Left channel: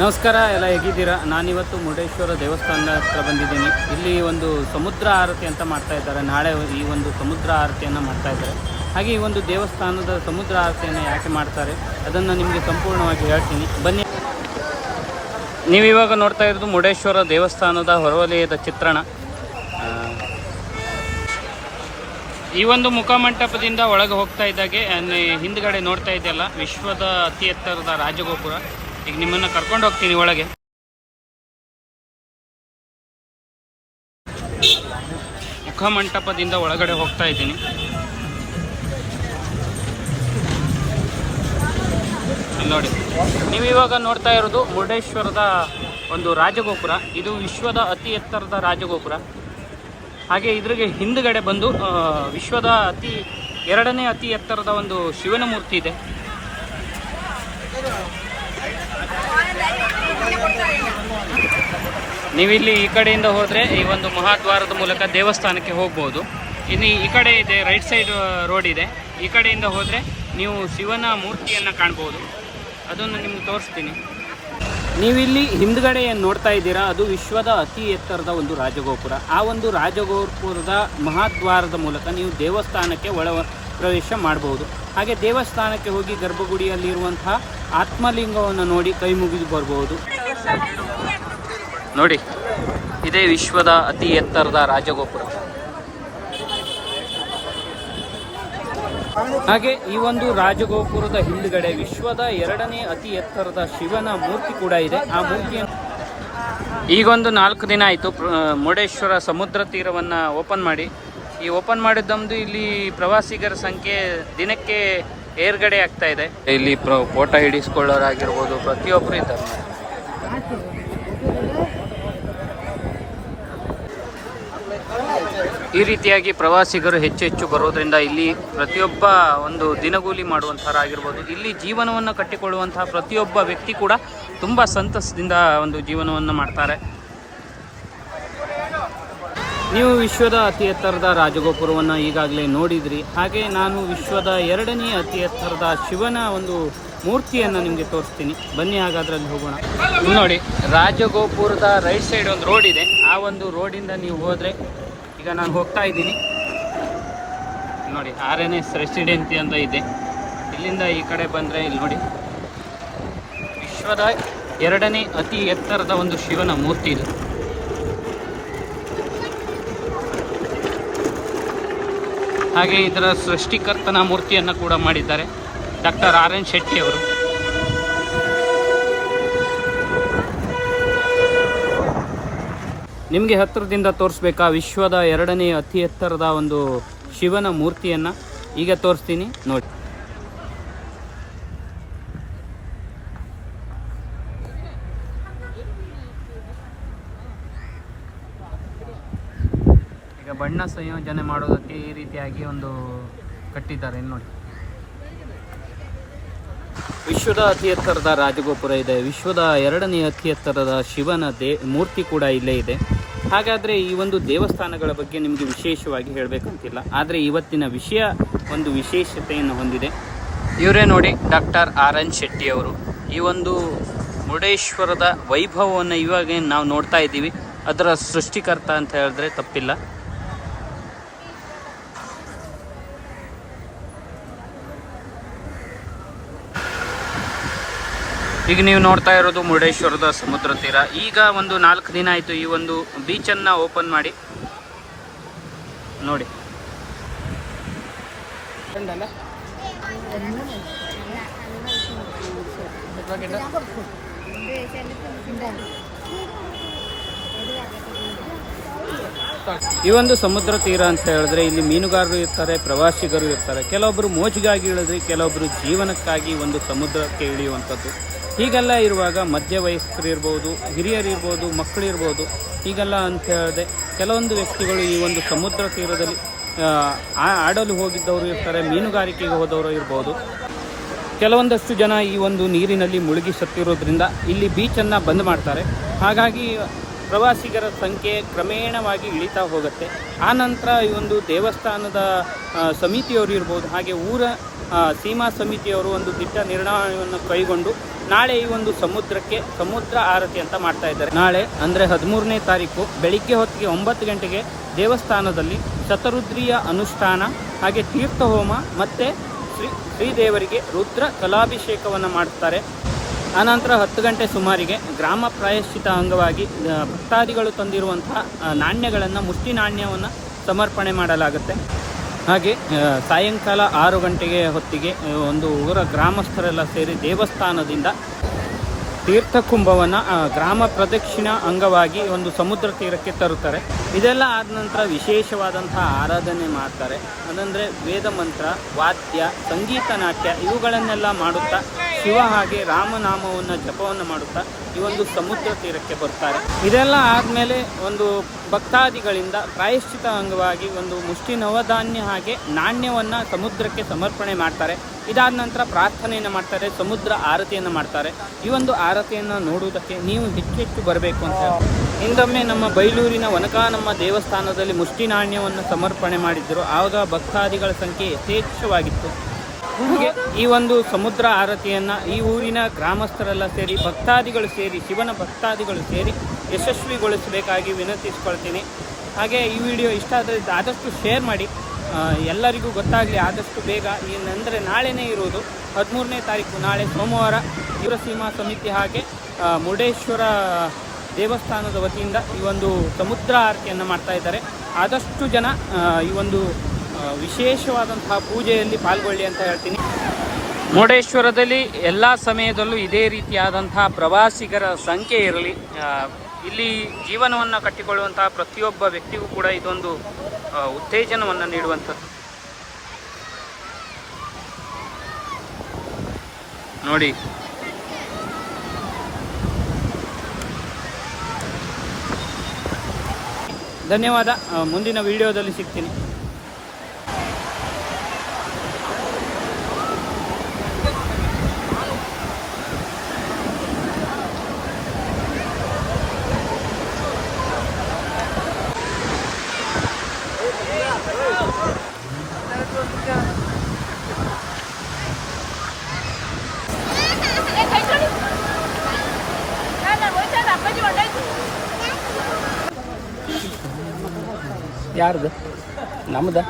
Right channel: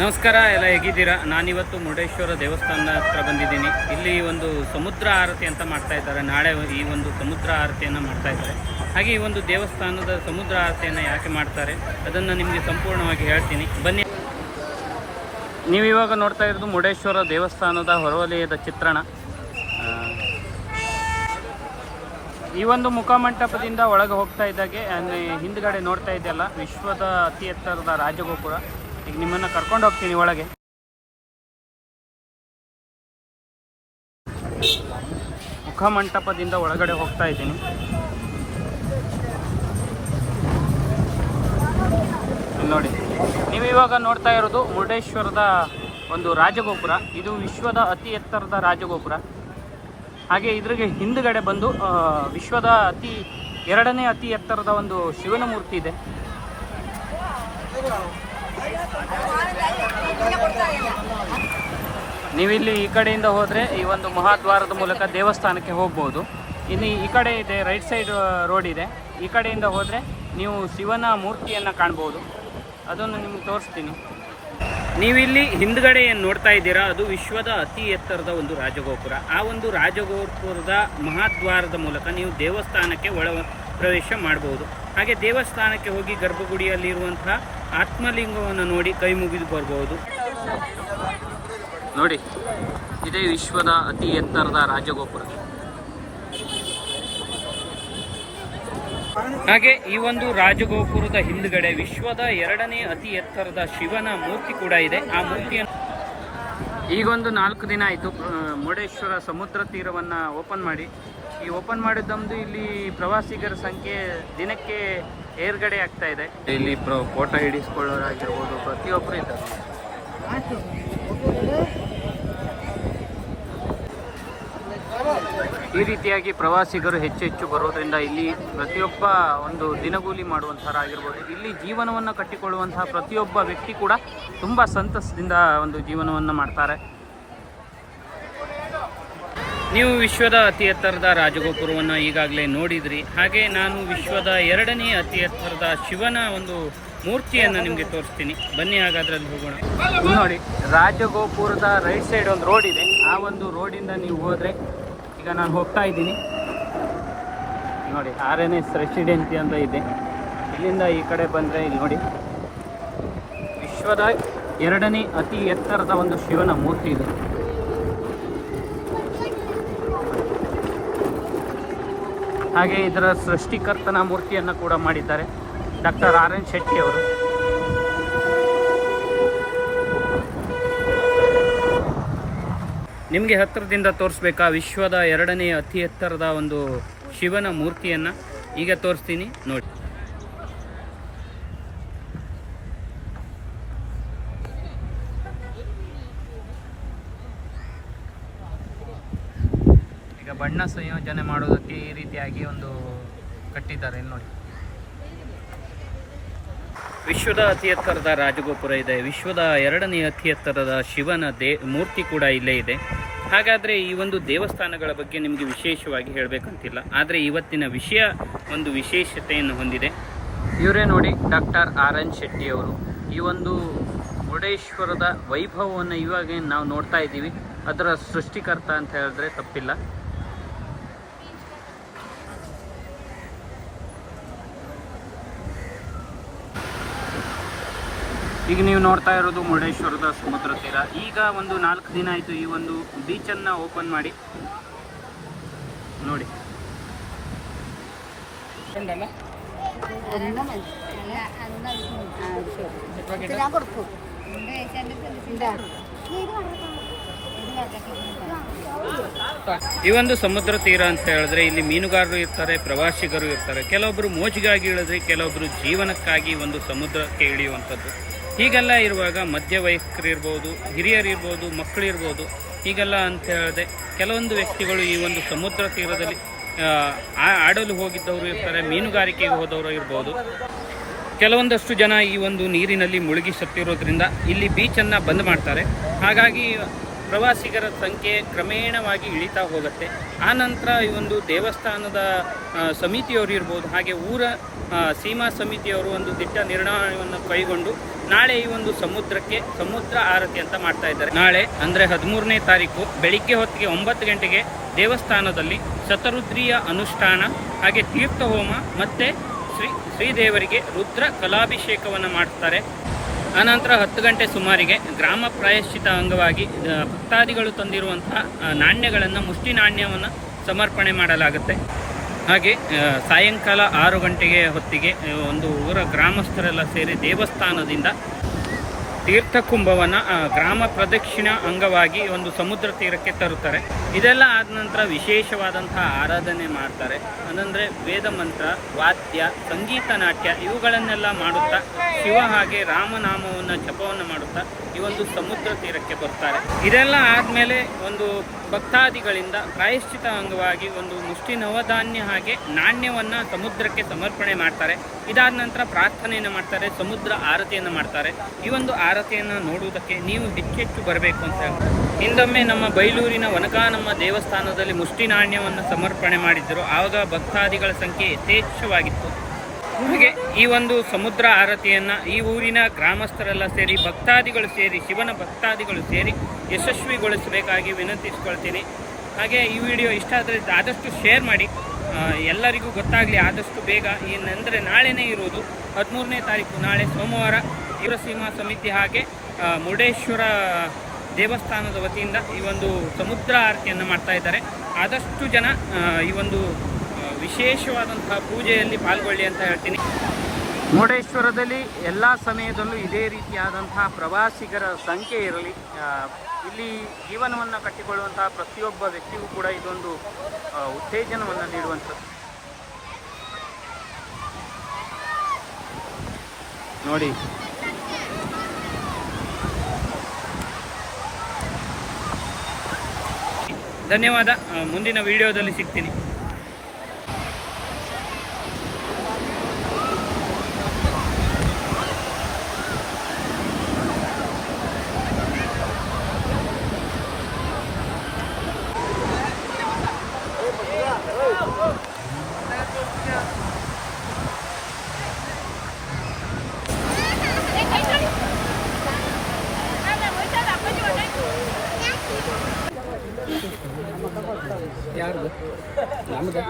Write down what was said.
ನಮಸ್ಕಾರ, ಎಲ್ಲ ಹೇಗಿದ್ದೀರಾ? ನಾನಿವತ್ತು ಮುರುಡೇಶ್ವರ ದೇವಸ್ಥಾನದ ಹತ್ರ ಬಂದಿದ್ದೀನಿ. ಇಲ್ಲಿ ಒಂದು ಸಮುದ್ರ ಆರತಿ ಅಂತ ಮಾಡ್ತಾ ಇದ್ದಾರೆ. ನಾಳೆ ಈ ಒಂದು ಸಮುದ್ರ ಆರತಿಯನ್ನು ಮಾಡ್ತಾ ಇದ್ದಾರೆ. ಹಾಗೆ ಈ ಒಂದು ದೇವಸ್ಥಾನದ ಸಮುದ್ರ ಆರತಿಯನ್ನು ಯಾಕೆ ಮಾಡ್ತಾರೆ, ಅದನ್ನು ನಿಮಗೆ ಸಂಪೂರ್ಣವಾಗಿ ಹೇಳ್ತೀನಿ. ಬನ್ನಿ. ನೀವು ಇವಾಗ ನೋಡ್ತಾ ಇರೋದು ಮುರುಡೇಶ್ವರ ದೇವಸ್ಥಾನದ ಹೊರವಲಯದ ಚಿತ್ರಣ. ಈ ಒಂದು ಮುಖಮಂಟಪದಿಂದ ಒಳಗೆ ಹೋಗ್ತಾ ಇದ್ದಾಗೆ ಹಿಂದ್ಗಡೆ ನೋಡ್ತಾ ಇದೆಯಲ್ಲ, ವಿಶ್ವದ ಅತಿ ಎತ್ತರದ ರಾಜಗೋಪುರ. ಈಗ ನಿಮ್ಮನ್ನು ಕರ್ಕೊಂಡು ಹೋಗ್ತೀನಿ ಒಳಗೆ. ಮುಖಮಂಟಪದಿಂದ ಒಳಗಡೆ ಹೋಗ್ತಾ ಇದ್ದೀನಿ. ನೋಡಿ, ನೀವು ಇವಾಗ ನೋಡ್ತಾ ಇರೋದು ಮುರುಡೇಶ್ವರದ ಒಂದು ರಾಜಗೋಪುರ. ಇದು ವಿಶ್ವದ ಅತಿ ಎತ್ತರದ ರಾಜಗೋಪುರ. ಹಾಗೆ ಇದ್ರಿಗೆ ಹಿಂದುಗಡೆ ಬಂದು ವಿಶ್ವದ ಅತಿ, ಎರಡನೇ ಅತಿ ಎತ್ತರದ ಒಂದು ಶಿವನ ಮೂರ್ತಿ ಇದೆ. ನೀವಿಲ್ಲಿ ಈ ಕಡೆಯಿಂದ ಹೋದರೆ ಈ ಒಂದು ಮಹಾದ್ವಾರದ ಮೂಲಕ ದೇವಸ್ಥಾನಕ್ಕೆ ಹೋಗ್ಬೋದು. ಇನ್ನು ಈ ಕಡೆ ಇದೆ, ರೈಟ್ ಸೈಡ್ ರೋಡ್ ಇದೆ. ಈ ಕಡೆಯಿಂದ ಹೋದರೆ ನೀವು ಶಿವನ ಮೂರ್ತಿಯನ್ನು ಕಾಣ್ಬೋದು. ಅದನ್ನು ನಿಮ್ಗೆ ತೋರಿಸ್ತೀನಿ. ನೀವಿಲ್ಲಿ ಹಿಂದ್ಗಡೆ ಏನು ನೋಡ್ತಾ ಇದ್ದೀರಾ? ಅದು ವಿಶ್ವದ ಅತಿ ಎತ್ತರದ ಒಂದು ರಾಜಗೋಪುರ. ಆ ಒಂದು ರಾಜಗೋಪುರದ ಮಹಾದ್ವಾರದ ಮೂಲಕ ನೀವು ದೇವಸ್ಥಾನಕ್ಕೆ ಒಳ ಪ್ರವೇಶ ಮಾಡಬಹುದು ಹಾಗೆ ದೇವಸ್ಥಾನಕ್ಕೆ ಹೋಗಿ ಗರ್ಭಗುಡಿಯಲ್ಲಿರುವಂತಹ ಆತ್ಮಲಿಂಗವನ್ನು ನೋಡಿ ಕೈ ಮುಗಿದು ಬರ್ಬೋದು. ನೋಡಿ, ಇದೇ ವಿಶ್ವದ ಅತಿ ಎತ್ತರದ ರಾಜಗೋಪುರ. ಹಾಗೆ ಈ ಒಂದು ರಾಜಗೋಪುರದ ಹಿಂದ್ಗಡೆ ವಿಶ್ವದ ಎರಡನೇ ಅತಿ ಎತ್ತರದ ಶಿವನ ಮೂರ್ತಿ ಕೂಡ ಇದೆ. ಆ ಮೂರ್ತಿಯನ್ನು ಈಗೊಂದು ನಾಲ್ಕು ದಿನ ಆಯಿತು. ಮುರುಡೇಶ್ವರ ಸಮುದ್ರ ತೀರವನ್ನು ಓಪನ್ ಮಾಡಿ. ಈ ಓಪನ್ ಮಾಡಿದ್ದೊಂದು ಇಲ್ಲಿ ಪ್ರವಾಸಿಗರ ಸಂಖ್ಯೆ ದಿನಕ್ಕೆ ಏರ್ಗಡೆ ಆಗ್ತಾ ಇದೆ. ಇಲ್ಲಿ ಫೋಟೋ ಹಿಡಿಸ್ಕೊಳ್ಳೋರಾಗಿರ್ಬೋದು ಪ್ರತಿಯೊಬ್ಬರು ಇದ್ದಾರೆ ಈ ರೀತಿಯಾಗಿ ಪ್ರವಾಸಿಗರು ಹೆಚ್ಚು ಹೆಚ್ಚು ಬರೋದ್ರಿಂದ ಇಲ್ಲಿ ಪ್ರತಿಯೊಬ್ಬ ಒಂದು ದಿನಗೂಲಿ ಮಾಡುವಂಥವರಾಗಿರ್ಬೋದು. ಇಲ್ಲಿ ಜೀವನವನ್ನು ಕಟ್ಟಿಕೊಳ್ಳುವಂತಹ ಪ್ರತಿಯೊಬ್ಬ ವ್ಯಕ್ತಿ ಕೂಡ ತುಂಬ ಸಂತಸದಿಂದ ಒಂದು ಜೀವನವನ್ನು ಮಾಡ್ತಾರೆ. ನೀವು ವಿಶ್ವದ ಅತಿ ಎತ್ತರದ ರಾಜಗೋಪುರವನ್ನು ಈಗಾಗಲೇ ನೋಡಿದ್ರಿ. ಹಾಗೆ ನಾನು ವಿಶ್ವದ ಎರಡನೇ ಅತಿ ಎತ್ತರದ ಶಿವನ ಒಂದು ಮೂರ್ತಿಯನ್ನು ನಿಮಗೆ ತೋರಿಸ್ತೀನಿ. ಬನ್ನಿ ಹಾಗಾದ್ರೆ ಅಲ್ಲಿ ಹೋಗೋಣ ನೋಡಿ, ರಾಜಗೋಪುರದ ರೈಟ್ ಸೈಡ್ ಒಂದು ರೋಡ್ ಇದೆ. ಆ ಒಂದು ರೋಡಿಂದ ನೀವು ಹೋದರೆ ಈಗ ನಾನು ಹೋಗ್ತಾ ಇದ್ದೀನಿ. ನೋಡಿ ಆರ್ ಎನ್ ಎಸ್ ರೆಸಿಡೆನ್ಸಿ ಅಂತ ಇದೆ. ಇಲ್ಲಿಂದ ಈ ಕಡೆ ಬಂದರೆ ಇಲ್ಲಿ ನೋಡಿ, ವಿಶ್ವದ ಎರಡನೇ ಅತಿ ಎತ್ತರದ ಒಂದು ಶಿವನ ಮೂರ್ತಿ ಇದು. ಹಾಗೆ ಇದರ ಸೃಷ್ಟಿಕರ್ತನ ಮೂರ್ತಿಯನ್ನು ಕೂಡ ಮಾಡಿದ್ದಾರೆ. ಡಾಕ್ಟರ್ ಆರ್ ಎನ್ ಶೆಟ್ಟಿ ಅವರು. ನಿಮಗೆ ಹತ್ತಿರದಿಂದ ತೋರಿಸ್ಬೇಕಾ, ವಿಶ್ವದ ಎರಡನೇ ಅತಿ ಎತ್ತರದ ಒಂದು ಶಿವನ ಮೂರ್ತಿಯನ್ನು? ಈಗ ತೋರಿಸ್ತೀನಿ, ನೋಡಿ ಈಗ ಸಂಯೋಜನೆ ಮಾಡೋದಕ್ಕೆ ಈ ರೀತಿಯಾಗಿ ಒಂದು ಕಟ್ಟಿದ್ದಾರೆ. ನೋಡಿ. ವಿಶ್ವದ ಅತಿ ಎತ್ತರದ ರಾಜಗೋಪುರ ಇದೆ. ವಿಶ್ವದ ಎರಡನೇ ಅತಿ ಎತ್ತರದ ಶಿವನ ದೇ, ಮೂರ್ತಿ ಕೂಡ ಇಲ್ಲೇ ಇದೆ. ಹಾಗಾದರೆ ಈ ಒಂದು ದೇವಸ್ಥಾನಗಳ ಬಗ್ಗೆ ನಿಮಗೆ ವಿಶೇಷವಾಗಿ ಹೇಳಬೇಕಂತಿಲ್ಲ. ಆದರೆ ಇವತ್ತಿನ ವಿಷಯ ಒಂದು ವಿಶೇಷತೆಯನ್ನು ಹೊಂದಿದೆ. ಇವರೇ ನೋಡಿ ಡಾಕ್ಟರ್ ಆರ್ ಎನ್ ಶೆಟ್ಟಿ ಅವರು. ಈ ಒಂದು ಮುರುಡೇಶ್ವರದ ವೈಭವವನ್ನು ಇವಾಗ ನಾವು ನೋಡ್ತಾ ಇದ್ದೀವಿ. ಅದರ ಸೃಷ್ಟಿಕರ್ತ ಅಂತ ಹೇಳಿದ್ರೆ ತಪ್ಪಿಲ್ಲ. ಈಗ ನೀವು ನೋಡ್ತಾ ಇರೋದು ಮುರುಡೇಶ್ವರದ ಸಮುದ್ರ ತೀರ. ಈಗ ಒಂದು ನಾಲ್ಕು ದಿನ ಆಯಿತು ಈ ಒಂದು ಬೀಚನ್ನು ಓಪನ್ ಮಾಡಿ. ನೋಡಿ. ಈ ಒಂದು ಸಮುದ್ರ ತೀರ ಅಂತ ಹೇಳಿದ್ರೆ ಇಲ್ಲಿ ಮೀನುಗಾರರು ಇರ್ತಾರೆ, ಪ್ರವಾಸಿಗರು ಇರ್ತಾರೆ. ಕೆಲವೊಬ್ಬರು ಮೋಜಿಗಾಗಿ ಇಳಿದ್ರೆ ಕೆಲವೊಬ್ಬರು ಜೀವನಕ್ಕಾಗಿ ಒಂದು ಸಮುದ್ರಕ್ಕೆ ಇಳಿಯುವಂಥದ್ದು. ಹೀಗೆಲ್ಲ ಇರುವಾಗ ಮಧ್ಯವಯಸ್ಕರು ಇರ್ಬೋದು, ಹಿರಿಯರು ಇರ್ಬೋದು, ಮಕ್ಕಳು ಇರ್ಬೋದು, ಹೀಗೆಲ್ಲ ಅಂತ ಹೇಳಿದೆ ಕೆಲವೊಂದು ವ್ಯಕ್ತಿಗಳು ಈ ಒಂದು ಸಮುದ್ರ ತೀರದಲ್ಲಿ ಆಡಲು ಹೋಗಿದ್ದವರು ಇರ್ತಾರೆ, ಮೀನುಗಾರಿಕೆಗೆ ಹೋದವರು ಇರ್ಬೋದು. ಕೆಲವೊಂದಷ್ಟು ಜನ ಈ ಒಂದು ನೀರಿನಲ್ಲಿ ಮುಳುಗಿ ಸತ್ತಿರೋದ್ರಿಂದ ಇಲ್ಲಿ ಬೀಚನ್ನು ಬಂದ್ ಮಾಡ್ತಾರೆ. ಹಾಗಾಗಿ ಪ್ರವಾಸಿಗರ ಸಂಖ್ಯೆ ಕ್ರಮೇಣವಾಗಿ ಇಳಿತಾ ಹೋಗುತ್ತೆ. ಆ ನಂತರ ಈ ಒಂದು ದೇವಸ್ಥಾನದ ಸಮಿತಿಯವರು ಇರ್ಬೋದು, ಹಾಗೆ ಊರ ಸೀಮಾ ಸಮಿತಿಯವರು ಒಂದು ದಿಟ್ಟ ನಿರ್ಣಯವನ್ನು ಕೈಗೊಂಡು ನಾಳೆ ಈ ಒಂದು ಸಮುದ್ರಕ್ಕೆ ಸಮುದ್ರ ಆರತಿ ಅಂತ ಮಾಡ್ತಾ ಇದ್ದಾರೆ. ನಾಳೆ ಅಂದರೆ ಹದಿಮೂರನೇ ತಾರೀಕು ಬೆಳಿಗ್ಗೆ ಹೊತ್ತಿಗೆ ಒಂಬತ್ತು ಗಂಟೆಗೆ ದೇವಸ್ಥಾನದಲ್ಲಿ ಶತರುದ್ರಿಯ ಅನುಷ್ಠಾನ, ಹಾಗೆ ತೀರ್ಥ ಹೋಮ ಮತ್ತು ಶ್ರೀ ಶ್ರೀದೇವರಿಗೆ ರುದ್ರ ಕಲಾಭಿಷೇಕವನ್ನು ಮಾಡ್ತಾರೆ. ಆನಂತರ ಹತ್ತು ಗಂಟೆ ಸುಮಾರಿಗೆ ಗ್ರಾಮ ಪ್ರಾಯಶ್ಚಿತ ಅಂಗವಾಗಿ ಭಕ್ತಾದಿಗಳು ತಂದಿರುವಂತಹ ನಾಣ್ಯಗಳನ್ನು, ಮುಷ್ಟಿ ನಾಣ್ಯವನ್ನು ಸಮರ್ಪಣೆ ಮಾಡಲಾಗುತ್ತೆ. ಹಾಗೆ ಸಾಯಂಕಾಲ ಆರು ಗಂಟೆಗೆ ಹೊತ್ತಿಗೆ ಒಂದು ಊರ ಗ್ರಾಮಸ್ಥರೆಲ್ಲ ಸೇರಿ ದೇವಸ್ಥಾನದಿಂದ ತೀರ್ಥಕುಂಭವನ್ನು ಗ್ರಾಮ ಪ್ರದಕ್ಷಿಣ ಅಂಗವಾಗಿ ಒಂದು ಸಮುದ್ರ ತೀರಕ್ಕೆ ತರುತ್ತಾರೆ. ಇದೆಲ್ಲ ಆದ ನಂತರ ವಿಶೇಷವಾದಂತಹ ಆರಾಧನೆ ಮಾಡ್ತಾರೆ. ಅದಂದರೆ ವೇದ ಮಂತ್ರ, ವಾದ್ಯ, ಸಂಗೀತ, ನಾಟ್ಯ ಇವುಗಳನ್ನೆಲ್ಲ ಮಾಡುತ್ತಾ ಶಿವ ಹಾಗೆ ರಾಮನಾಮವನ್ನು ಜಪವನ್ನು ಮಾಡುತ್ತಾ ಈ ಒಂದು ಸಮುದ್ರ ತೀರಕ್ಕೆ ಬರ್ತಾರೆ. ಇದೆಲ್ಲ ಆದಮೇಲೆ ಒಂದು ಭಕ್ತಾದಿಗಳಿಂದ ಪ್ರಾಯಶ್ಚಿತ ಅಂಗವಾಗಿ ಒಂದು ಮುಷ್ಟಿ ನವಧಾನ್ಯ ಹಾಗೆ ನಾಣ್ಯವನ್ನು ಸಮುದ್ರಕ್ಕೆ ಸಮರ್ಪಣೆ ಮಾಡ್ತಾರೆ. ಇದಾದ ನಂತರ ಪ್ರಾರ್ಥನೆಯನ್ನು ಮಾಡ್ತಾರೆ, ಸಮುದ್ರ ಆರತಿಯನ್ನು ಮಾಡ್ತಾರೆ. ಈ ಒಂದು ಆರತಿಯನ್ನು ನೋಡುವುದಕ್ಕೆ ನೀವು ಹೆಚ್ಚೆಚ್ಚು ಬರಬೇಕು ಅಂತ ಹಿಂದೊಮ್ಮೆ ನಮ್ಮ ಬೈಲೂರಿನ ವನಕಾನಮ್ಮ ದೇವಸ್ಥಾನದಲ್ಲಿ ಮುಷ್ಟಿ ನಾಣ್ಯವನ್ನು ಸಮರ್ಪಣೆ ಮಾಡಿದ್ದರು. ಆವಾಗ ಭಕ್ತಾದಿಗಳ ಸಂಖ್ಯೆ ಯಥೇಚ್ಛವಾಗಿತ್ತು. ಹಾಗೆ ಈ ಒಂದು ಸಮುದ್ರ ಆರತಿಯನ್ನು ಈ ಊರಿನ ಗ್ರಾಮಸ್ಥರೆಲ್ಲ ಸೇರಿ, ಭಕ್ತಾದಿಗಳು ಸೇರಿ, ಶಿವನ ಭಕ್ತಾದಿಗಳು ಸೇರಿ ಯಶಸ್ವಿಗೊಳಿಸಬೇಕಾಗಿ ವಿನಂತಿಸಿಕೊಳ್ತೀನಿ. ಹಾಗೆ ಈ ವಿಡಿಯೋ ಇಷ್ಟ ಆದರೆ ಆದಷ್ಟು ಶೇರ್ ಮಾಡಿ. ಎಲ್ಲರಿಗೂ ಗೊತ್ತಾಗಲಿ ಆದಷ್ಟು ಬೇಗ ಏನಂದರೆ ನಾಳೆನೇ ಇರೋದು. ಹದಿಮೂರನೇ ತಾರೀಕು ನಾಳೆ ಸೋಮವಾರ ಯುವಸೀಮಾ ಸಮಿತಿ ಹಾಗೆ ಮುರುಡೇಶ್ವರ ದೇವಸ್ಥಾನದ ವತಿಯಿಂದ ಈ ಒಂದು ಸಮುದ್ರ ಆರತಿಯನ್ನು ಮಾಡ್ತಾ ಇದ್ದಾರೆ. ಆದಷ್ಟು ಜನ ಈ ಒಂದು ವಿಶೇಷವಾದಂತಹ ಪೂಜೆಯಲ್ಲಿ ಪಾಲ್ಗೊಳ್ಳಿ ಅಂತ ಹೇಳ್ತೀನಿ. ಮುರುಡೇಶ್ವರದಲ್ಲಿ ಎಲ್ಲ ಸಮಯದಲ್ಲೂ ಇದೇ ರೀತಿಯಾದಂತಹ ಪ್ರವಾಸಿಗರ ಸಂಖ್ಯೆ ಇರಲಿ. ಇಲ್ಲಿ ಜೀವನವನ್ನು ಕಟ್ಟಿಕೊಳ್ಳುವಂತಹ ಪ್ರತಿಯೊಬ್ಬ ವ್ಯಕ್ತಿಗೂ ಕೂಡ ಇದೊಂದು ಉತ್ತೇಜನವನ್ನು ನೀಡುವಂಥದ್ದು. ನೋಡಿ. ಧನ್ಯವಾದ. ಮುಂದಿನ ವಿಡಿಯೋದಲ್ಲಿ ಸಿಗ್ತೀನಿ. ಯಾರ್ದು? ನಮ್ದು.